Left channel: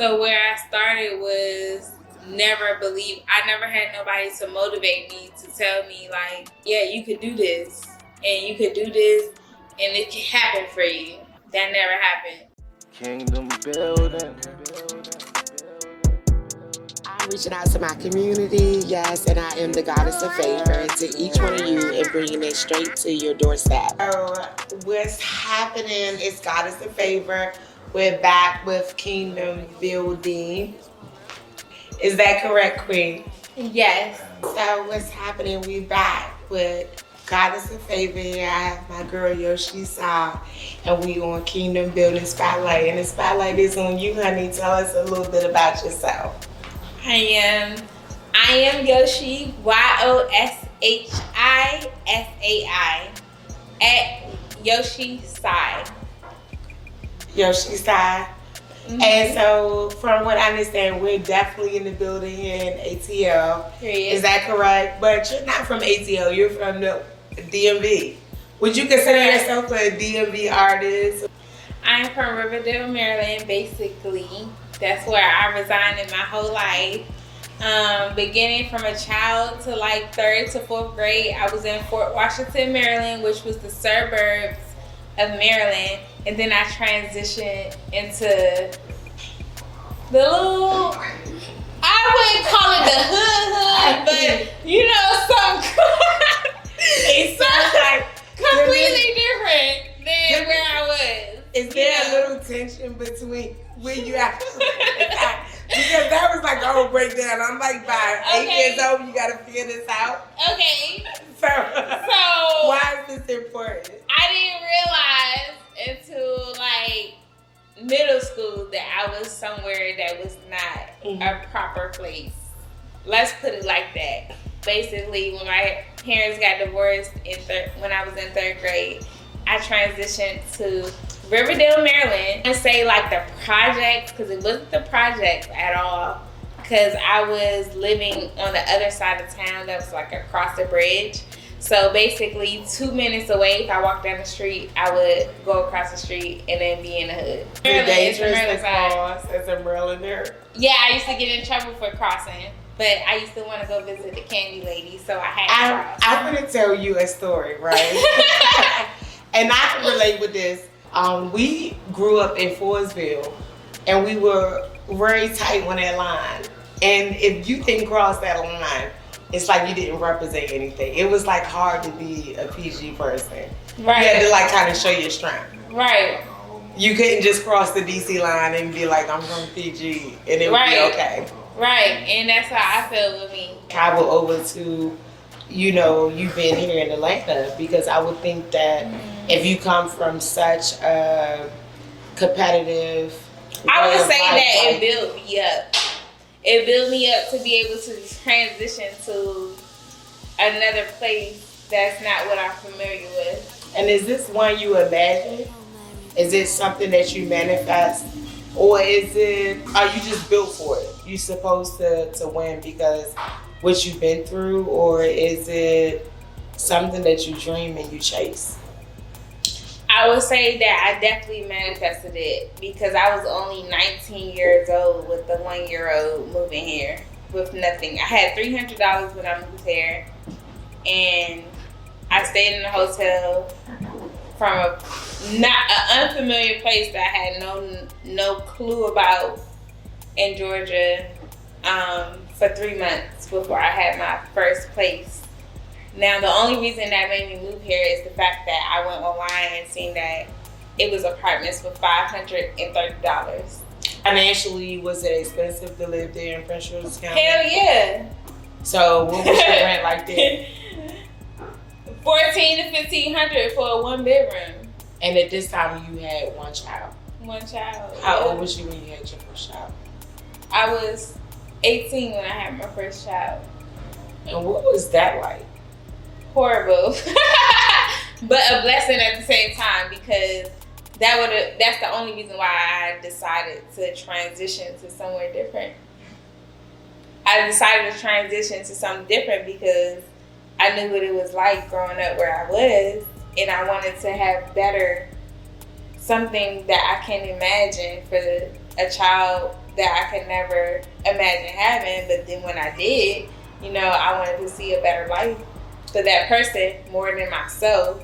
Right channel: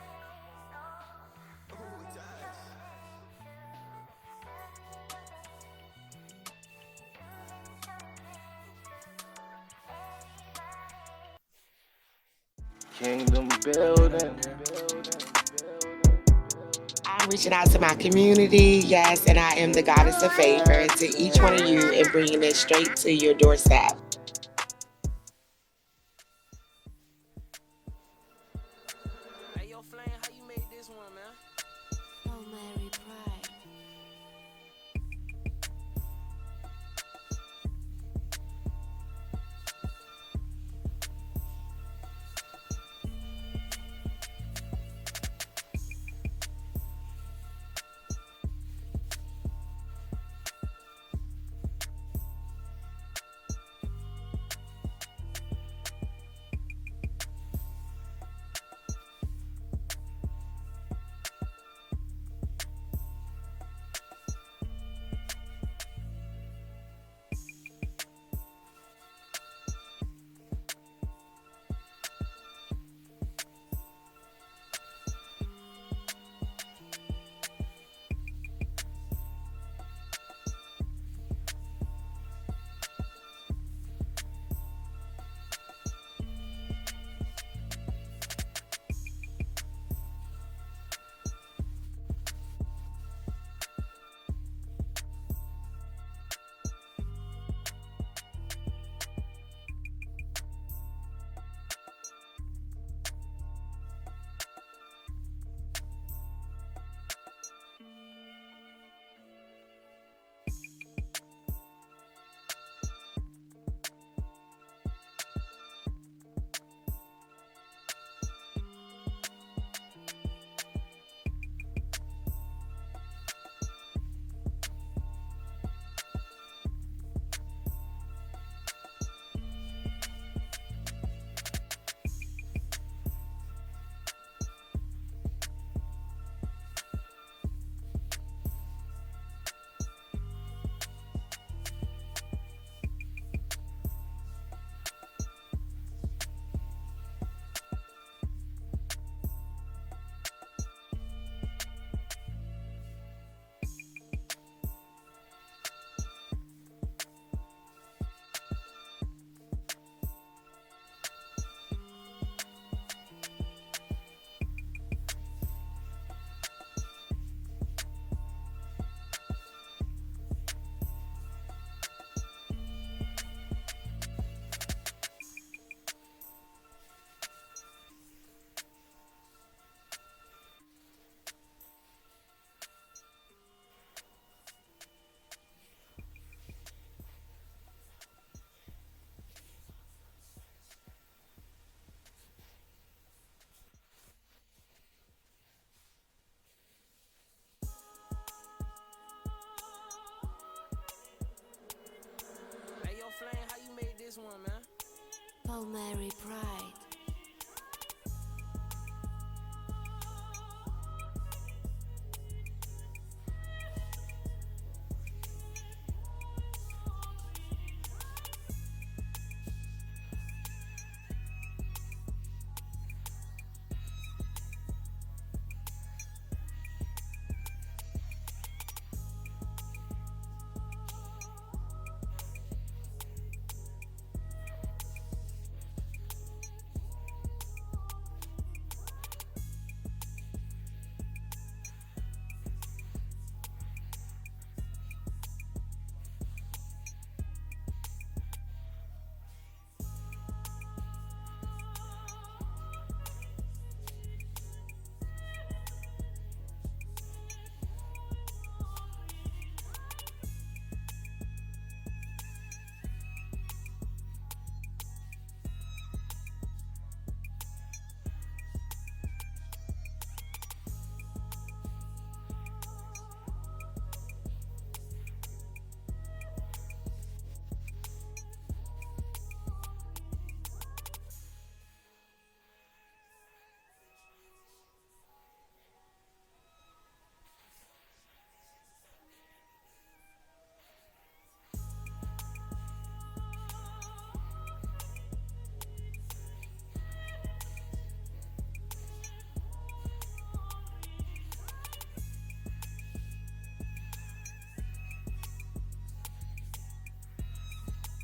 So where I started was I never had nobody to motivate me, to tell me like, yeah, you could do this and you could do this and it can happen for you. That never happened. Kingdom building. I'm reaching out to my community, yes, and I am the goddess of favor to each one of you and bringing it straight to your doorstep. So what's happening is Goddess of Favor. We're back with Kingdom Building. Is that correct, Queen? Yes. So what's happening? We back with Goddess of Favor. I have my girl Yoshi Sai, and we on Kingdom Building Spotlight. And the spotlight is on you, honey. Tell us a little bit about yourself. I am Yoshi, YOSHISAI, at Yoshi Sai. Yoshi Sai. Mm-hmm. And so, from what I understand, we're definitely in the building here in ATL. Is that correct? But you're not from ATL, you're from the DMV. Would you consider yourself a DMV artist? I'm from Riverdale, Maryland, basically. That's where I resided in my whole life. Beginning from a child to like 3rd to 4th grade, I was in Fort Washington, Maryland, which was the suburbs of Maryland. And then I transitioned into the little, I wouldn't call it the hood, but you know, it's like completely different than where I was. Is there a little tension between where you at? Because that was like a whole breakdown. I'm like, by 8 years old, you gotta figure this out. Okay. So why is this important? I didn't realize until like middle school that I was somewhere that was not a proper place. Let's put it like that. Basically, when my parents got divorced when I was in 3rd grade, I transitioned to Riverdale, Maryland. I say like the projects, because it wasn't the projects at all, because I was living on the other side of town that was like across the bridge. So basically 2 minutes away, if I walked down the street, I would go across the street and then be in the hood. Dangerous to cross as a Marylander? Yeah, I used to get in trouble for crossing, but I used to want to go visit the candy lady, so I had to cross. I'm going to tell you a story, right? And I can relate with this. We grew up in Forestville, and we were very tight on that line. And if you didn't cross that line, it's like you didn't represent anything. It was like hard to be a PG person. Right. You had to like kind of show your strength. Right. You couldn't just cross the DC line and be like, I'm from PG, and it would be okay. Right, and that's how I feel with me. Travel over to, you know, you've been here in Atlanta, because I would think that if you come from such a competitive, I would say that it built me up. It built me up to be able to transition to another place that's not what I'm familiar with. And is this one you imagine? Is it something that you manifest? Or are you just built for it? You supposed to win because what you've been through? Or is it something that you dream and you chase? I would say that I definitely manifested it, because I was only 19 years old with the 1-year-old moving here with nothing. I had $300 when I moved here, and I stayed in a hotel from an unfamiliar place that I had no clue about in Georgia for 3 months before I had my first place. Now, the only reason that made me move here is the fact that I went online and seen that it was apartments for $530. Financially, was it expensive to live there in Prince George's County? Hell yeah. So what was your rent like there? $1,400 to $1,500 for a 1-bedroom. And at this time, you had one child. One child. How old was you when you had your first child? I was 18 when I had my first child. And what was that like? Horrible. But a blessing at the same time, because that's the only reason why I decided to transition to somewhere different. I decided to transition to something different because I knew what it was like growing up where I was, and I wanted to have something that I can imagine for a child that I could never imagine having. But then when I did, you know, I wanted to see a better life for that person more than myself.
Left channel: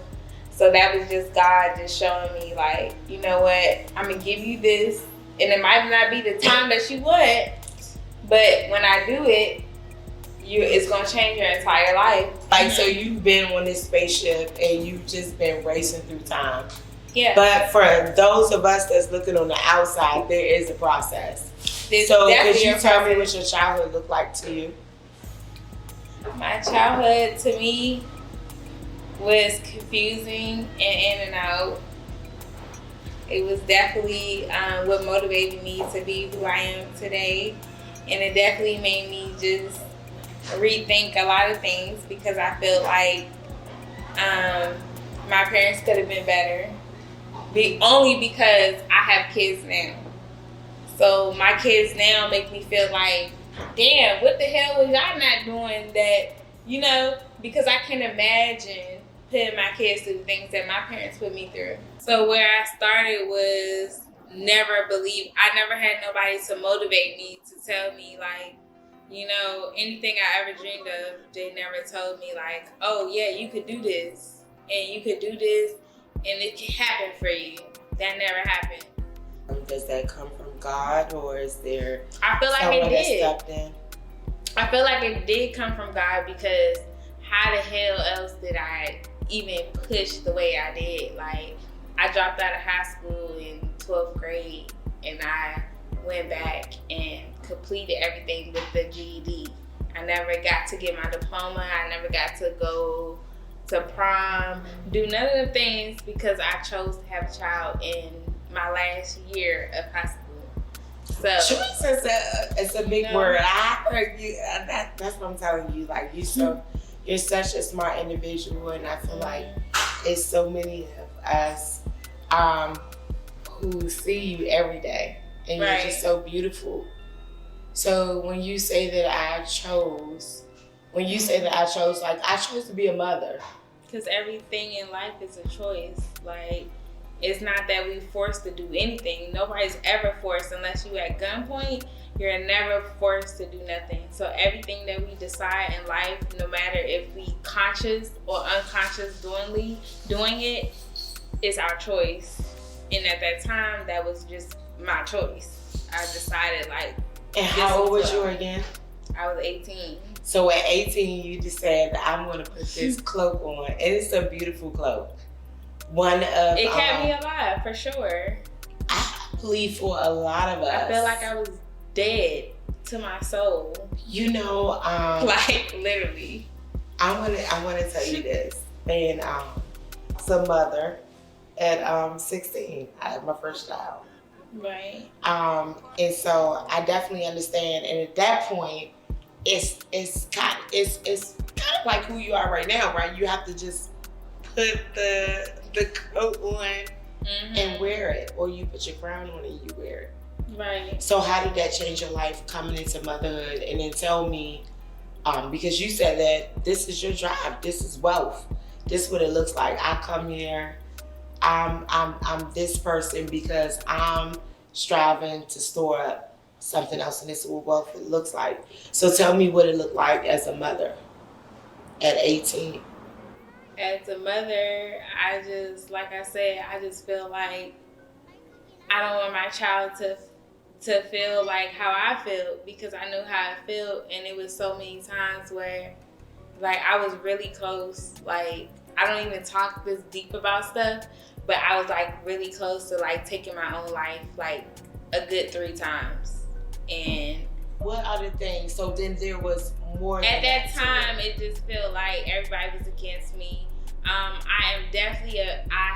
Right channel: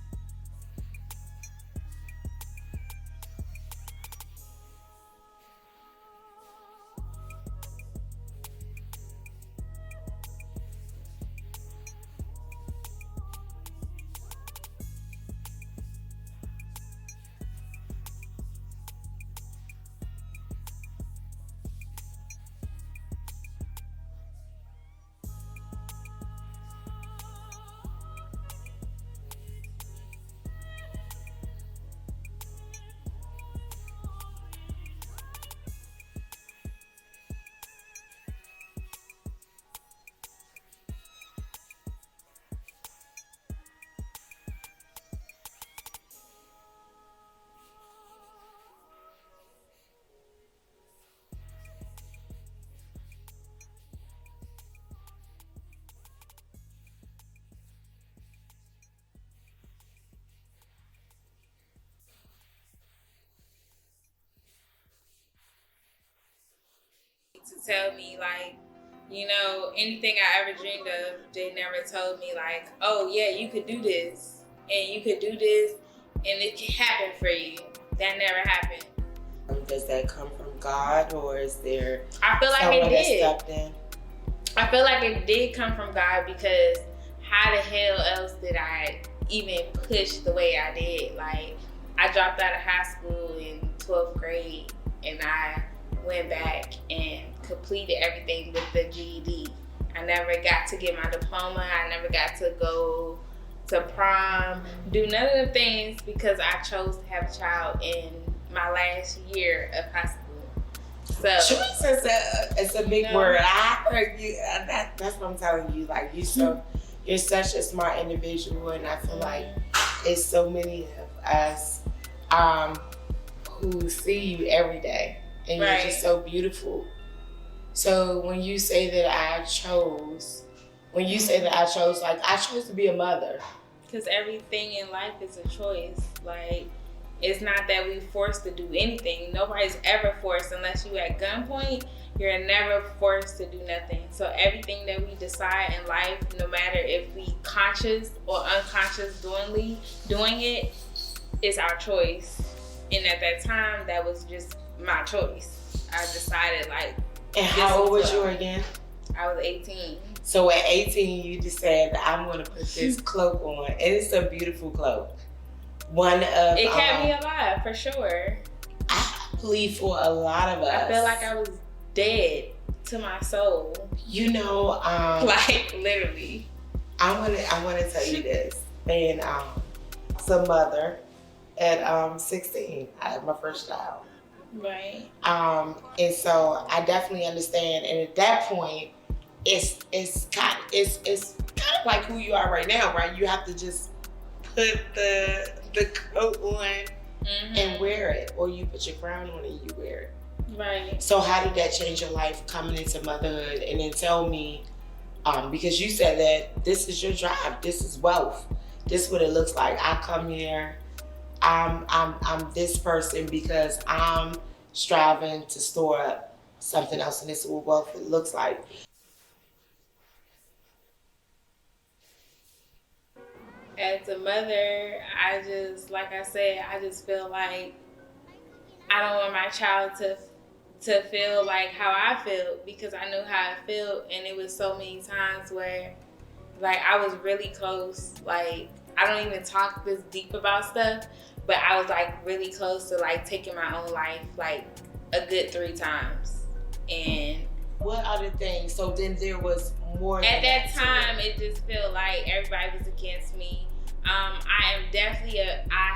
So that was just God just showing me, like, you know what, I'm gonna give you this, and it might not be the time that you want, but when I do it, it's gonna change your entire life. Like, so you've been on this spaceship and you've just been racing through time. Yeah. But for those of us that's looking on the outside, there is a process. So could you tell me what your childhood looked like to you? My childhood, to me, was confusing and in and out. It was definitely what motivated me to be who I am today. And it definitely made me just rethink a lot of things, because I feel like my parents could have been better. Only because I have kids now. So my kids now make me feel like, damn, what the hell was y'all not doing that, you know? Because I can imagine putting my kids through things that my parents put me through. So where I started was I never had nobody to motivate me, to tell me, like, you know, anything I ever dreamed of. They never told me, like, oh yeah, you could do this, and you could do this, and it can happen for you. That never happened. Does that come from God, or is there I feel like someone it did. that stepped in? I feel like it did come from God, because how the hell else did I even push the way I did? Like, I dropped out of high school in 12th grade, and I went back and completed everything with the GED. I never got to get my diploma. I never got to go to prom, do none of the things, because I chose to have a child in my last year of high school. So choice is a big word. I heard you. That's what I'm telling you. Like, you're such a smart individual, and I feel like it's so many of us who see you every day, and you're just so beautiful. So when you say that I chose, like, I chose to be a mother. Because everything in life is a choice. Like, it's not that we forced to do anything. Nobody's ever forced, unless you at gunpoint. You're never forced to do nothing. So everything that we decide in life, no matter if we conscious or unconscious doing it, is our choice. And at that time, that was just my choice. I decided, like. And how old was you again? I was 18. So at 18, you just said, I'm going to put this cloak on. And it's a beautiful cloak. It kept me alive, for sure. I believe for a lot of us. I felt like I was dead to my soul. You know, like, literally. I want to tell you this. And as a mother at 16, I had my first child. Right. And so I definitely understand. And at that point, it's kind of like who you are right now, right? You have to just put the coat on and wear it, or you put your crown on and you wear it. Right. So how did that change your life coming into motherhood? And then tell me, because you said that this is your drive, this is wealth, this is what it looks like. I come here, I'm this person because I'm striving to store up something else, and this is what wealth looks like. So tell me what it looked like as a mother at 18. As a mother, I just feel like I don't want my child to feel like how I feel, because I knew how I felt, and it was so many times where, like, I was really close. Like, I don't even talk this deep about stuff, but I was, like, really close to, like, taking my own life, like, a good 3 times. And what other things? So then there was more. At that time, it just felt like everybody was against me. I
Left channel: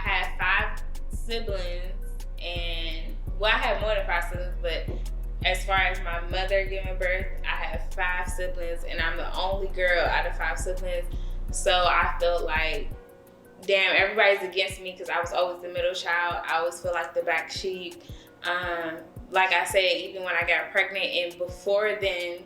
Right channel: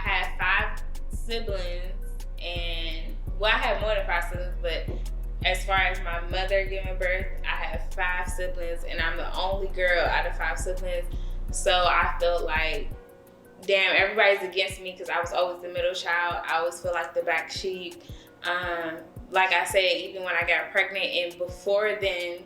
had 5 siblings, and, well, I had more than 5 siblings, but as far as my mother giving birth, I have 5 siblings, and I'm the only girl out of 5 siblings. So I felt like, damn, everybody's against me, because I was always the middle child. I always feel like the black sheep. Like I said, even when I got pregnant and before then,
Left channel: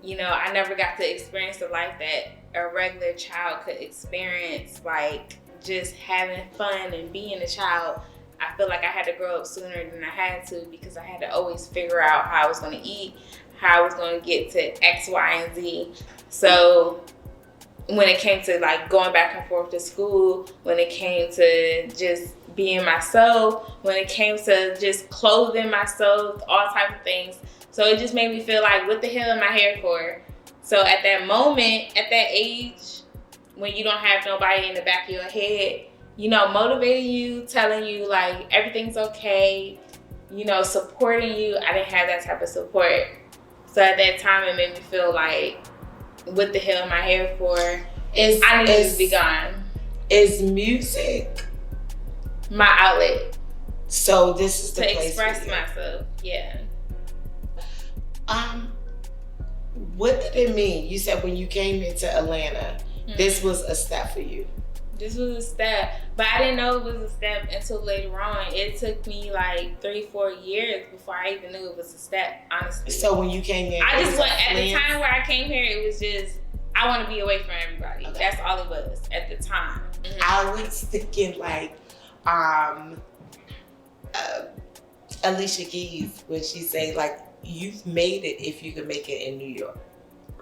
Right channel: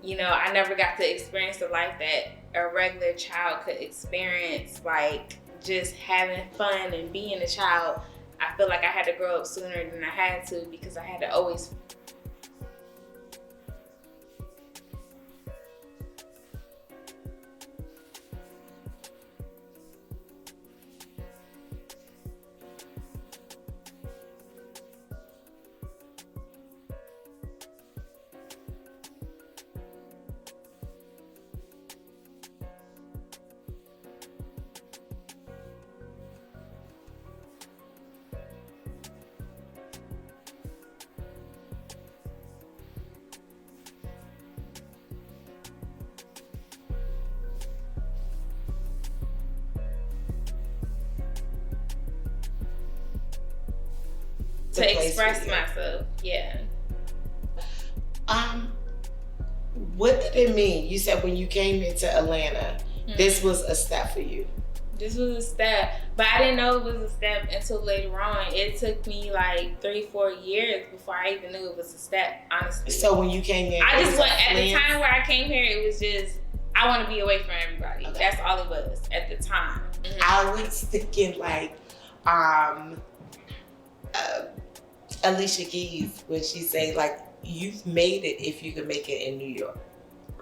you know, I never got to experience the life that a regular child could experience, like just having fun and being a child. I feel like I had to grow up sooner than I had to because I had to always figure out how I was going to eat, how I was going to get to X, Y, and Z. So when it came to like going back and forth to school, when it came to just being myself, when it came to just clothing myself, all type of things. So it just made me feel like, what the hell am I here for? So at that moment, at that age, when you don't have nobody in the back of your head, you know, motivating you, telling you like everything's okay, you know, supporting you, I didn't have that type of support. So at that time, it made me feel like, what the hell am I here for? I need to be gone. Is music my outlet? So this is the to place express for you. myself. Yeah. What did it mean? You said when you came into Atlanta, this was a step for you. This was a step, but I didn't know it was a step until later on. It took me like 3-4 years before I even knew it was a step, honestly. So when you came in, I just went, at the time where I came here, it was just, I want to be away from everybody. Okay. That's all it was at the time. I was thinking like, Alicia Keys, when she say like, you've made it if you can make it in New York,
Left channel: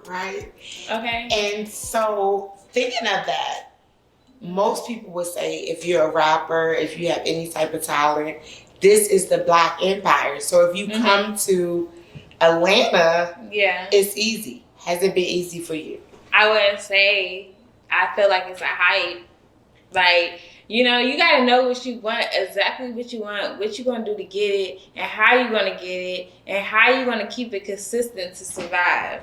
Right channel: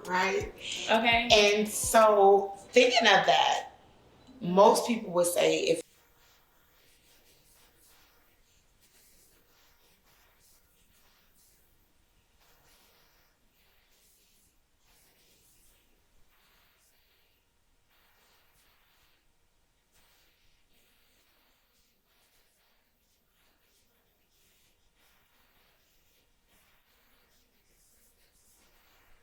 right? Okay. And so thinking of that, most people would say if you're a rapper, if you have any type of talent, this is the Black Empire. So if you come to Atlanta, it's easy. Has it been easy for you? I wouldn't say. I feel like it's a hype. Like, you know, you gotta know what you want, exactly what you want, what you're gonna do to get it, and how you're gonna get it, and how you're gonna keep it consistent to survive.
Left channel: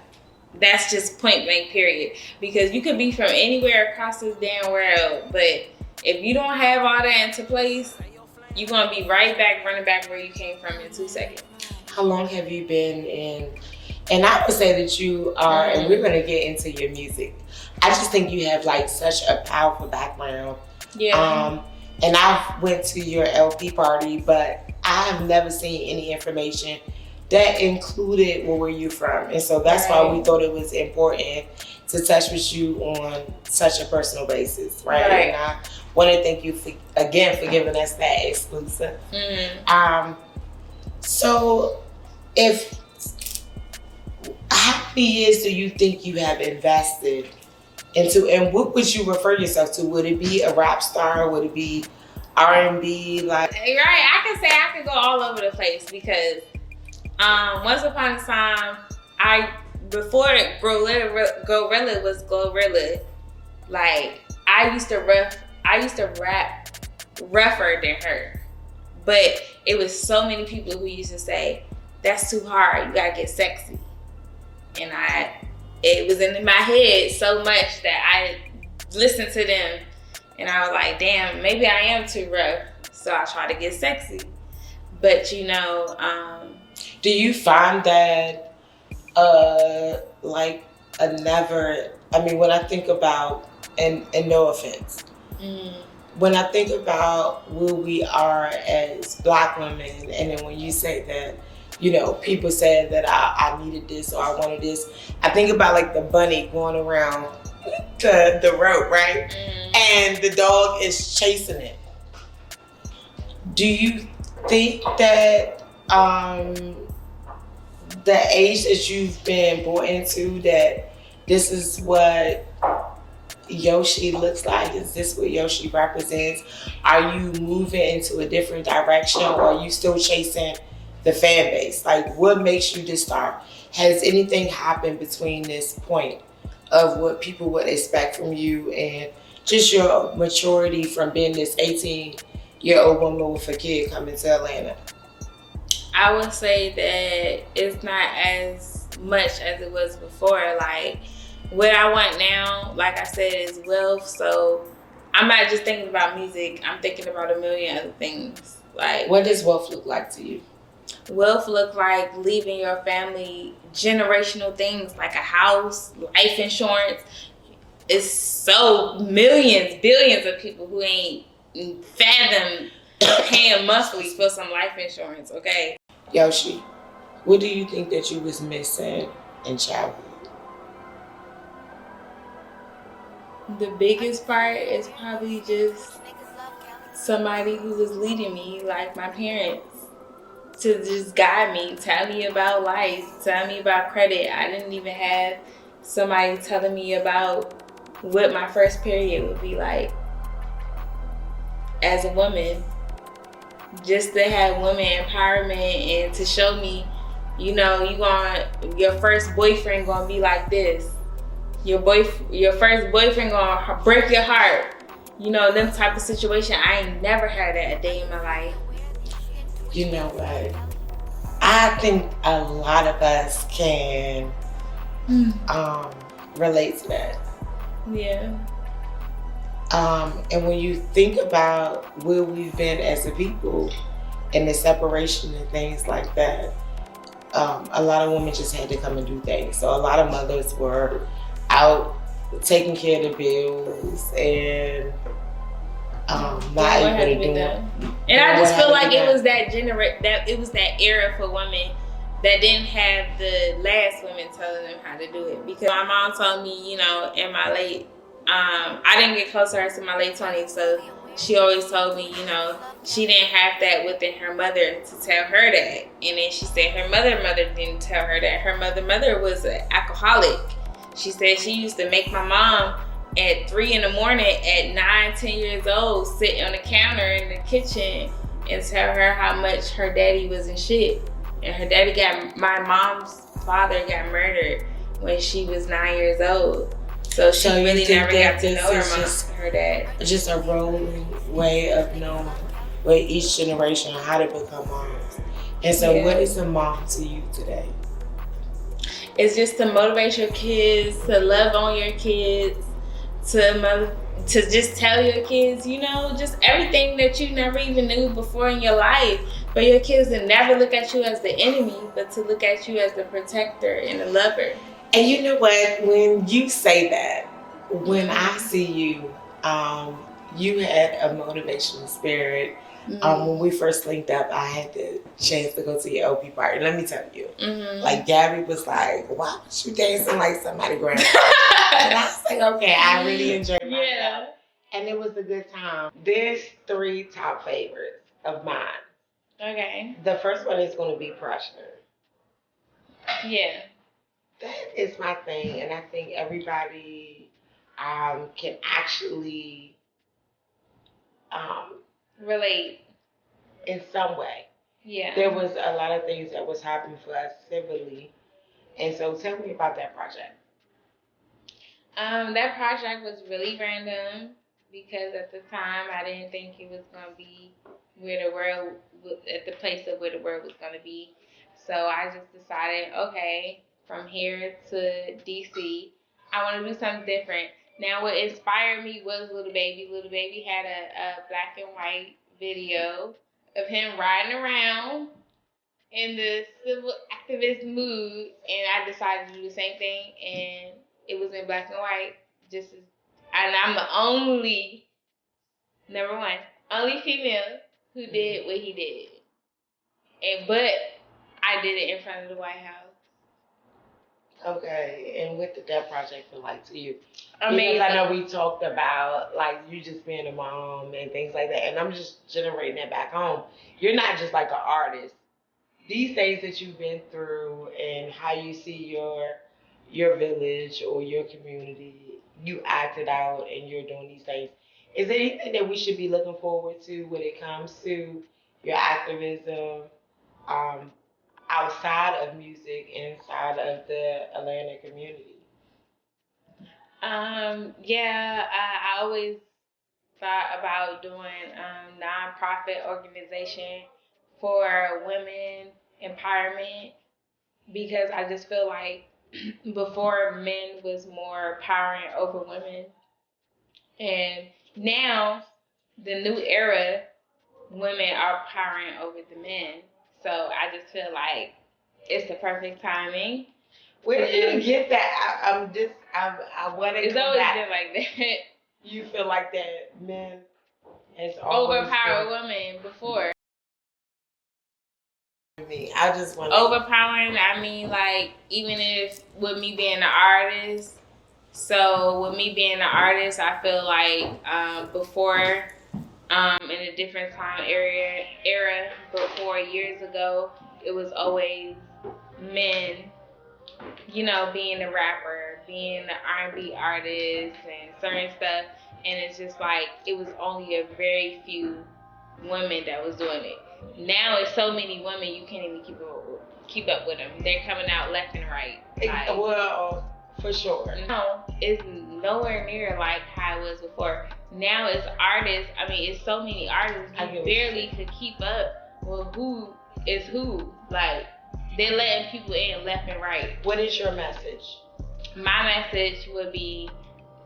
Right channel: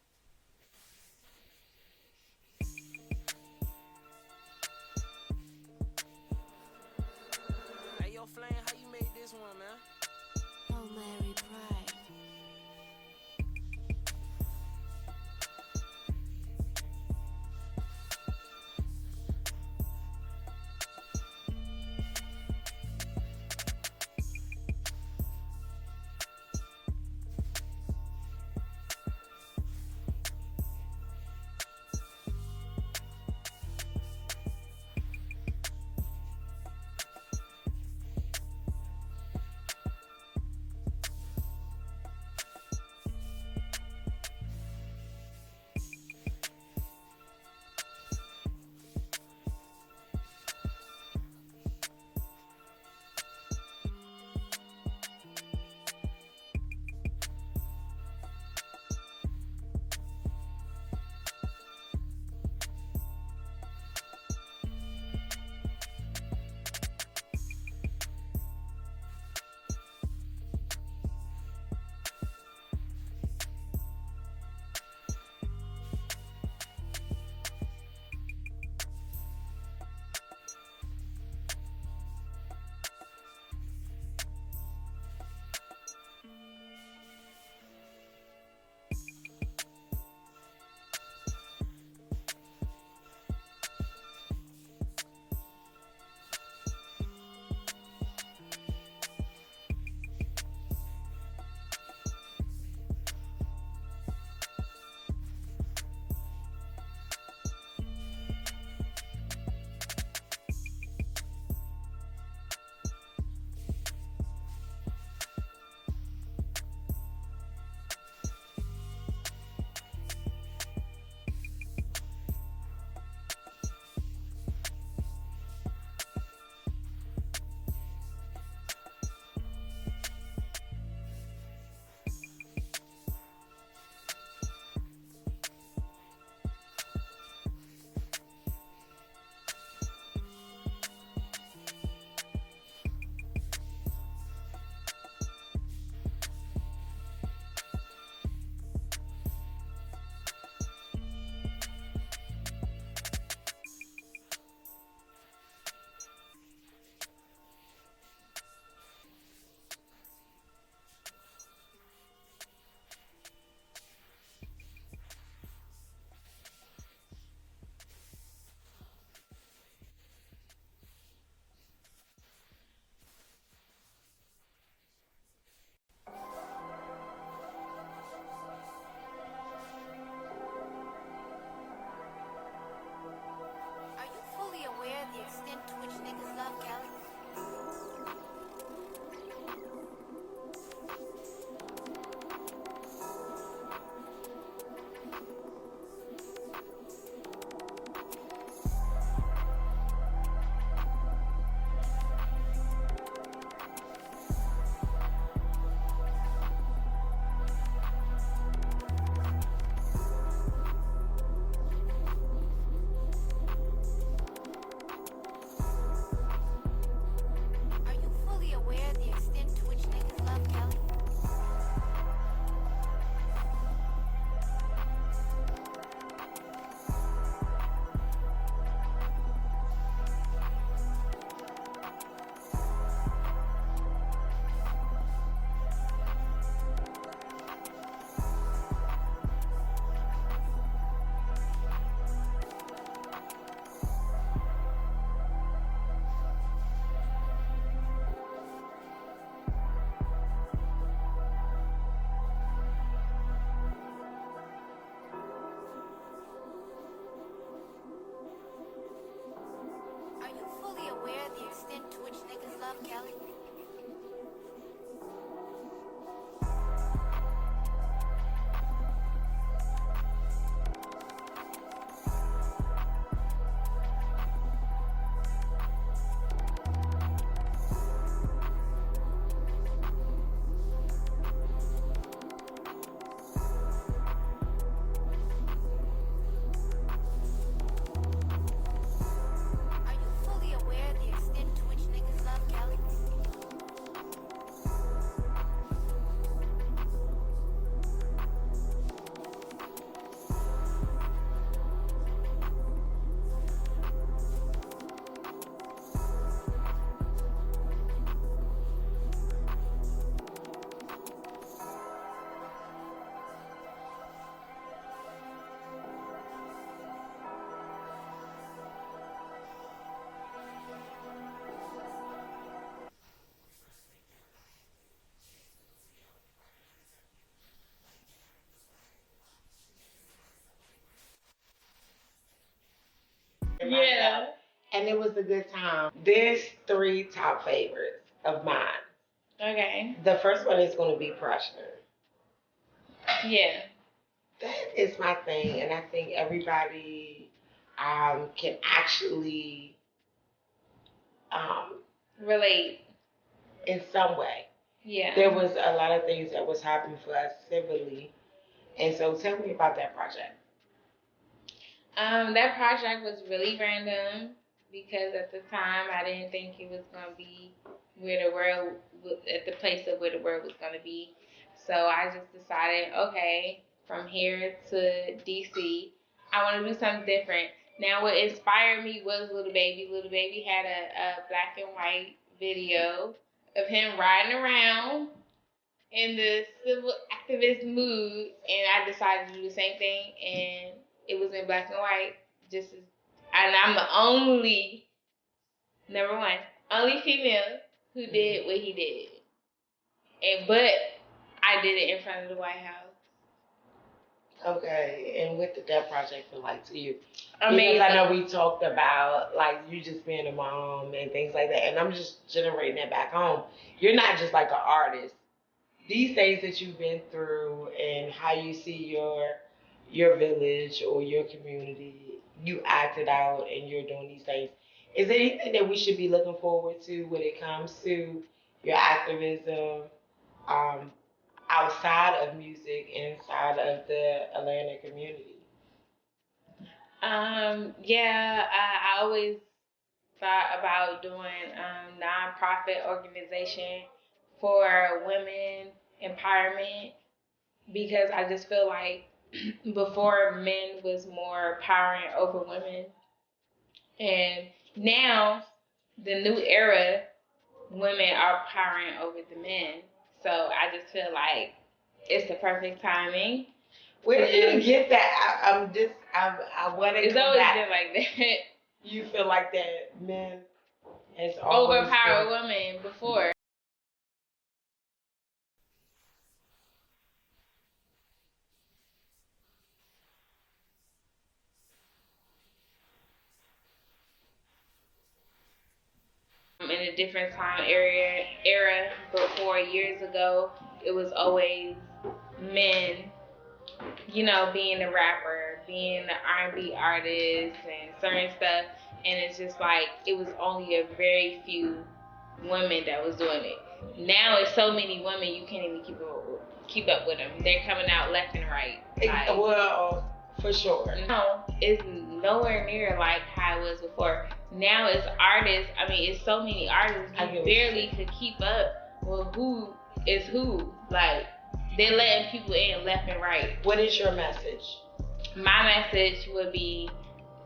That's just point blank, period. Because you could be from anywhere across this damn world, but if you don't have all that into place, you're gonna be right back, running back where you came from in 2 seconds. How long have you been in? And I would say that you are, and we're gonna get into your music. I just think you have like such a powerful background. Yeah. And I went to your LP party, but I have never seen any information that included where you're from. And so that's why we thought it was important to touch with you on such a personal basis, right? And I want to thank you for giving us that exclusive. So how many years do you think you have invested into, and what would you refer yourself to? Would it be a rap star? Would it be R&B? Like, right, I can say I could go all over the place because once upon a time, before Gorilla was Glorilla, like I used to rap rougher than her. But it was so many people who used to say, that's too hard, you gotta get sexy. And it was in my head so much that I listened to them and I was like, damn, maybe I am too rough. So I try to get sexy. But you know, do you find that when I think about, and no offense, when I think about where we are as Black women, and then when you say that, you know, people said that I needed this or I wanted this, I think about like the bunny going around the rope, right? And the dog is chasing it. Do you think that the age that you've been born into, that this is what Yoshi looks like? Is this what Yoshi represents? Are you moving into a different direction, or are you still chasing the fan base? Like, what makes you this star? Has anything happened between this point of what people would expect from you and just your maturity from being this 18-year-old woman with a kid coming to Atlanta? I would say that it's not as much as it was before. Like, what I want now, like I said, is wealth. So I'm not just thinking about music. I'm thinking about a million other things. Like, what does wealth look like to you? Wealth look like leaving your family generational things like a house, life insurance. It's so millions, billions of people who ain't fathom paying monthly for some life insurance, okay? Yoshi, what do you think that you was missing in childhood? The biggest part is probably just somebody who was leading me, like my parents, to just guide me, tell me about life, tell me about credit. I didn't even have somebody telling me about what my first period would be like as a woman. Just to have women empowerment and to show me, you know, your first boyfriend gonna be like this. Your first boyfriend gonna break your heart. You know, them type of situation. I ain't never had that a day in my life. You know what? I think a lot of us can relate to that. Yeah. And when you think about where we've been as a people and the separation and things like that, a lot of women just had to come and do things. So a lot of mothers were out taking care of the bills and not able to do it. And I just feel like it was that era for women that didn't have the last women telling them how to do it. Because my mom told me, you know, in my late, I didn't get close to her to my late 20s, so she always told me, you know, she didn't have that within her mother to tell her that. And then she said her mother didn't tell her that. Her mother was an alcoholic. She said she used to make my mom at 3 in the morning at 9, 10 years old, sit on the counter in the kitchen and tell her how much her daddy was in shit. And her daddy my mom's father got murdered when she was 9 years old. So she really never got to know her dad. Just a rolling way of knowing with each generation how to become moms. And so what is a mom to you today? It's just to motivate your kids, to love on your kids, to just tell your kids, you know, just everything that you never even knew before in your life. For your kids to never look at you as the enemy, but to look at you as the protector and the lover. And you know what? When you say that, when I see you, you had a motivational spirit. When we first linked up, I had the chance to go to your OP party. Let me tell you, like Gabby was like, "Why was you dancing like somebody grandma?" And I was like, "Okay, I really enjoyed myself, and it was a good time." There's 3 top favorites of mine. Okay. The first one is going to be pressure. Yeah. That is my thing, and I think everybody can actually relate in some way. Yeah. There was a lot of things that was happening for us civilly, and so tell me about that project. That project was really random because at the time I didn't think it was gonna be at the place of where the world was gonna be. So I just decided, okay, from here to DC, I want to do something different. Now, what inspired me was Little Baby. Little Baby had a black and white video of him riding around in the civil activist mood, and I decided to do the same thing, and it was in black and white. And I'm the only female who did what he did, but I did it in front of the White House. Okay, and what did that project feel like to you? Amazing. Because I know we talked about like you just being a mom and things like that, and I'm just generating that back home. You're not just like an artist. These things that you've been through and how you see your village or your community, you acted out and you're doing these things. Is there anything that we should be looking forward to when it comes to your activism? Outside of music, inside of the Atlanta community? I always thought about doing nonprofit organization for women empowerment because I just feel like before men was more powering over women, and now the new era, women are powering over the men. So I just feel like it's the perfect timing. Where did you get that? I want to. It's always been like that. You feel like that men has overpowered women before. I just want overpowering. I mean, like even if with me being an artist. So with me being an artist, I feel like before in a different time era before. Years ago, it was always men, you know, being a rapper, being an R&B artist and certain stuff. And it's just like, it was only a very few women that was doing it. Now it's so many women, you can't even keep up with them. They're coming out left and right. Like, well, for sure. No, it's nowhere near like how it was before. Now it's artists. I mean, it's so many artists. You barely could keep up with who is who. Like, they're letting people in left and right. What is your message? My message would be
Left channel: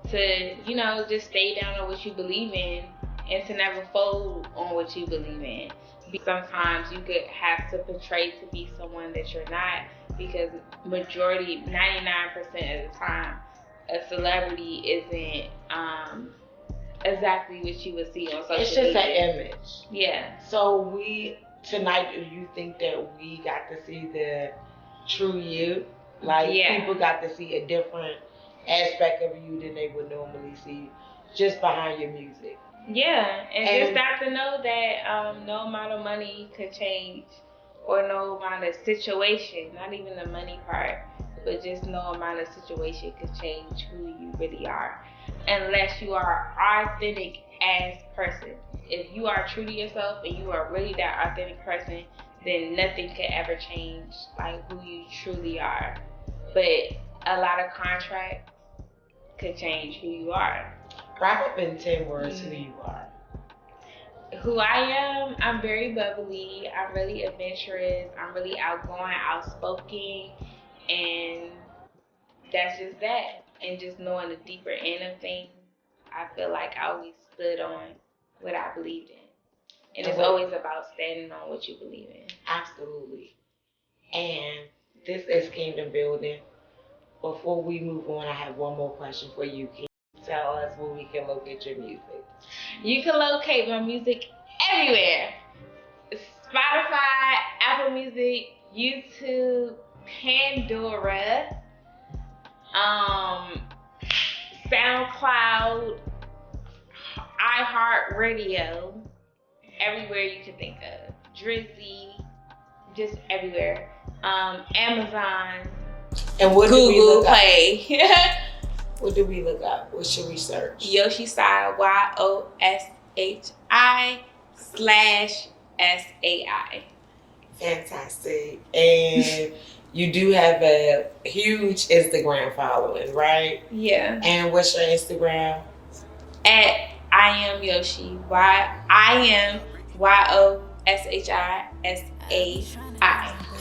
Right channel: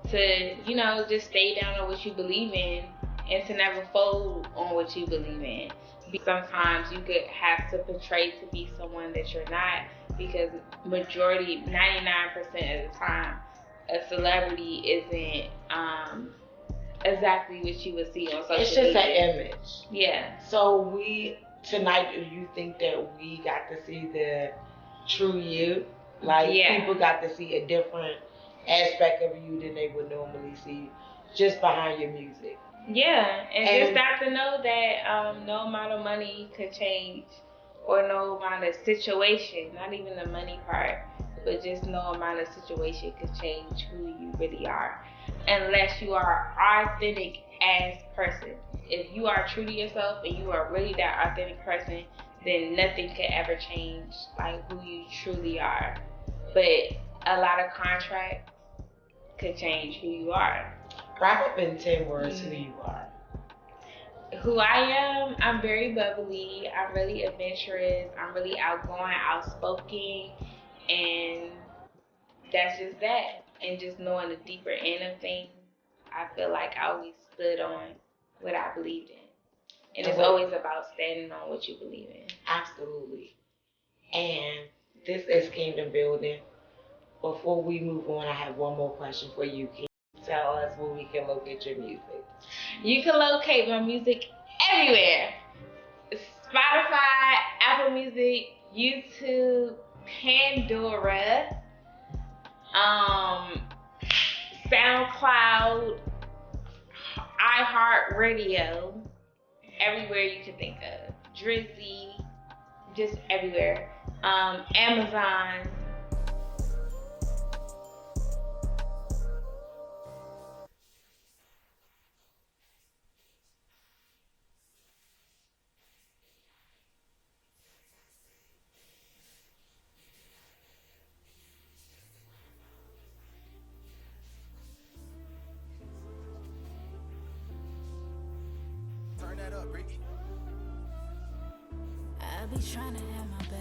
to, you know, just stay down on what you believe in and to never fold on what you believe in. Sometimes you could have to portray to be someone that you're not, because majority, 99% of the time, a celebrity isn't exactly what you would see on social media. It's just an image. Yeah. So tonight, do you think that we got to see the true you? Like, people got to see a different aspect of you than they would normally see just behind your music. Yeah, and just got to know that no amount of money could change, or no amount of situation, not even the money part, but just no amount of situation could change who you really are, unless you are an authentic ass person. If you are true to yourself and you are really that authentic person, then nothing could ever change like who you truly are. But a lot of contracts could change who you are. Wrap up in 10 words who you are. Who I am, I'm very bubbly, I'm really adventurous, I'm really outgoing, outspoken, and that's just that. And just knowing the deeper end of things, I feel like I always stood on what I believed in. And it's always about standing on what you believe in. Absolutely. And this is Kingdom Building. Before we move on, I have one more question for you. Can you tell us where we can locate your music? You can locate my music everywhere. Spotify, Apple Music, YouTube, Pandora, SoundCloud, iHeartRadio, everywhere you can think of. Drizzy, just everywhere. Amazon, and what Google Play. What do we look up? What should we search? Yoshi Sai, YOSHI/SAI. Fantastic. And you do have a huge Instagram following, right? Yeah. And what's your Instagram? At I am Yoshi. I am YOSHISAI.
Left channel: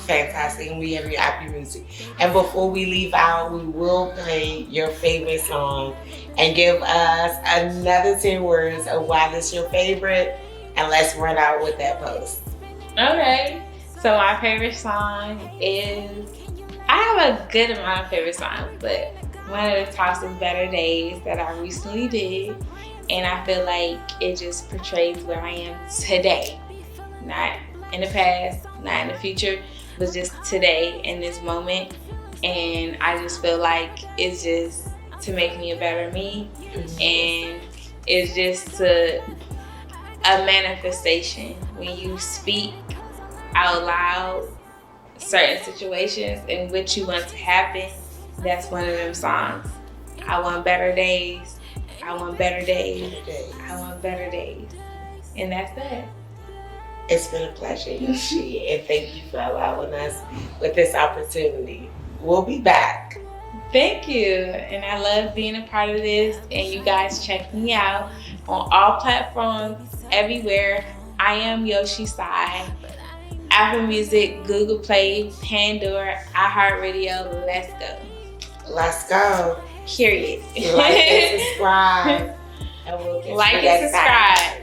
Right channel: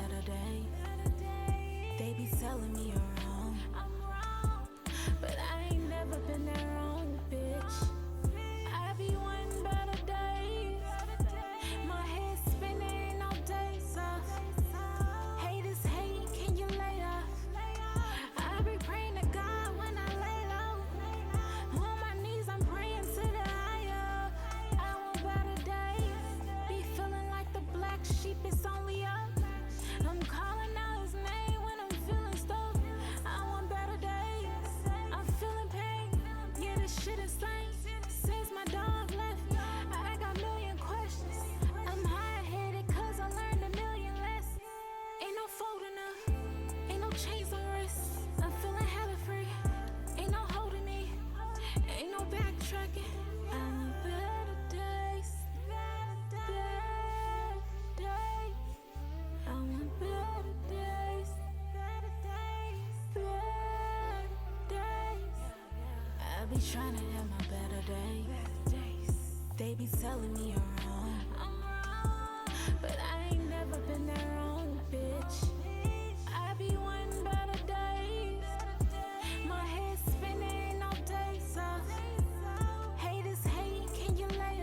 Fantastic. And we have your Apple Music. And before we leave out, we will play your favorite song and give us another 10 words of why this is your favorite. And let's run out with that post. Okay. So my favorite song is, I have a good amount of favorite songs, but one of the tops is Better Days that I recently did. And I feel like it just portrays where I am today. Not in the past, not in the future, but just today in this moment. And I just feel like it's just to make me a better me. And it's just a manifestation. When you speak out loud certain situations and what you want to happen, that's one of them songs. I want better days. I want better days. I want better days. And that's that. It's been a pleasure, Yoshi, and thank you for allowing us with this opportunity. We'll be back. Thank you. And I love being a part of this. And you guys check me out on all platforms, everywhere. I am Yoshi Sai. Apple Music, Google Play, Pandora, iHeartRadio. Let's go. Let's go. Period. Like and subscribe. And we'll get like and subscribe.